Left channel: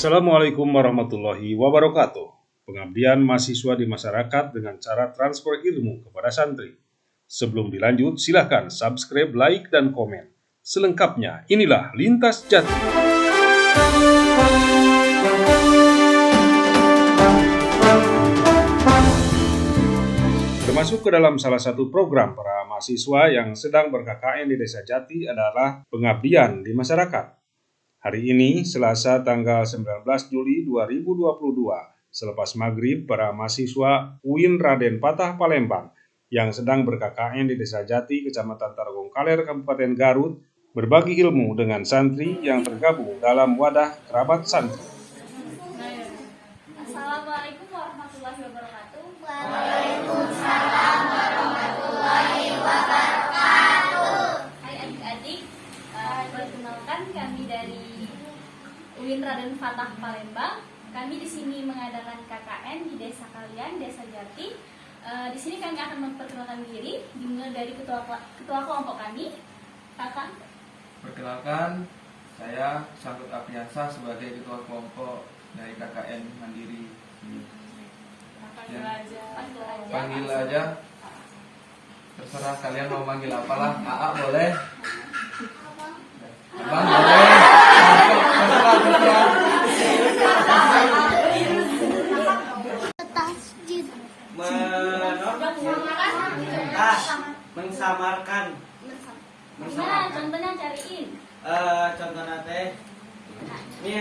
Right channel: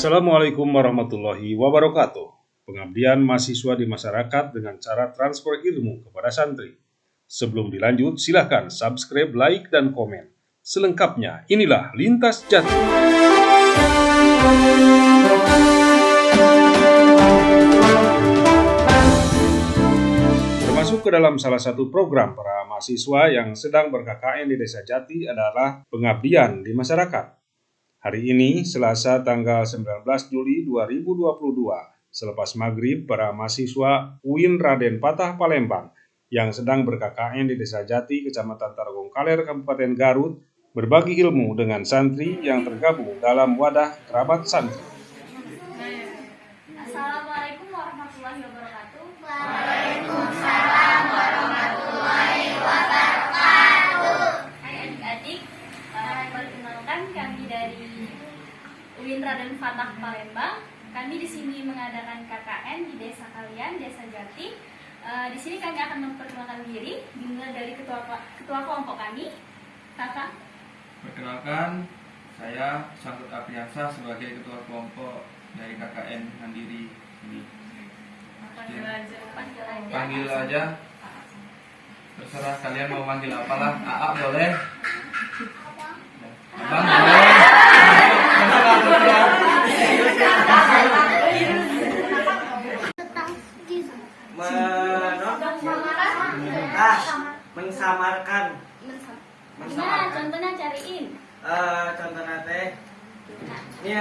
Assalamualaikum warahmatullahi wabarakatuh. Pengabdian mahasiswa di masyarakat dengan cara transfer ilmu kepada santri. Sebelum dilanjut, silakan subscribe, like, dan komen. Selengkapnya, inilah Lintas Jati. Termasuk ke dalam salah satu program para mahasiswa yang sedang ber-KKN di Desa Jati adalah pengabdian di masyarakat. Hari ini, Selasa tanggal 19 Juli 2022, selepas maghrib, para mahasiswa UIN Raden Patah Palembang yang sedang ber-KKN di Desa Jati, Kecamatan Tarogong Kaler, Kabupaten Garut, berbagi ilmu dengan santri yang tergabung dalam wadah kerabat santri. Assalamualaikum warahmatullahi wabarakatuh. Waalaikumsalam warahmatullahi wabarakatuh. Hai adik-adik, perkenalkan kami dari UIN Raden Patah Palembang. Kami di sini mengadakan KKN di desa kalian, Desa Jati. Di sini kami akan memperkenalkan diri, dimulai dari ketua kelompok kami, Kakak. Perkenalkan, saya Syamrut Apriansyah sebagai ketua kelompok dari KKN Mandiri ini. Panggil aja. Terserah kalian mau manggil apalah. AA boleh. Abang boleh. Mensamarkan. Nah, contohnya cariin. Contohnya teh ini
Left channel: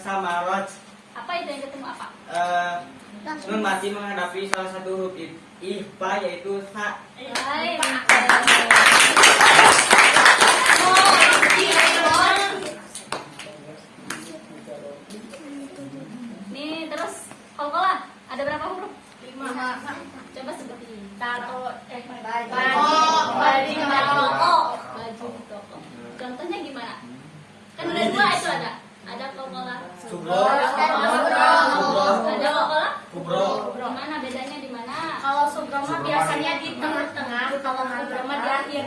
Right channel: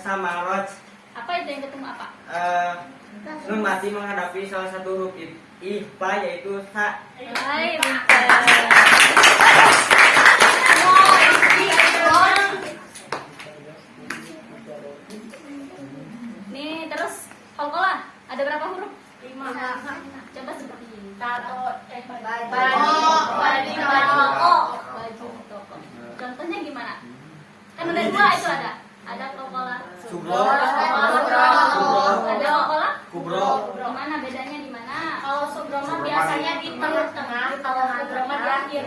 samarot. Apa itu yang ketemu apa? Nun mati menghadapi salah satu huruf IPA yaitu sa. Hai, nih terus kol-kolah ada berapa huruf? 5. Coba sebutin. Tato, baju toko. Contohnya gimana? Kan udah 2 itu ada. Ada kol-kolah. Subro. Ada kol-kolah? Kubro. Gimana bedanya di mana? Kalau subro mah biasanya di tengah-tengah, kalau kubro mah di akhir.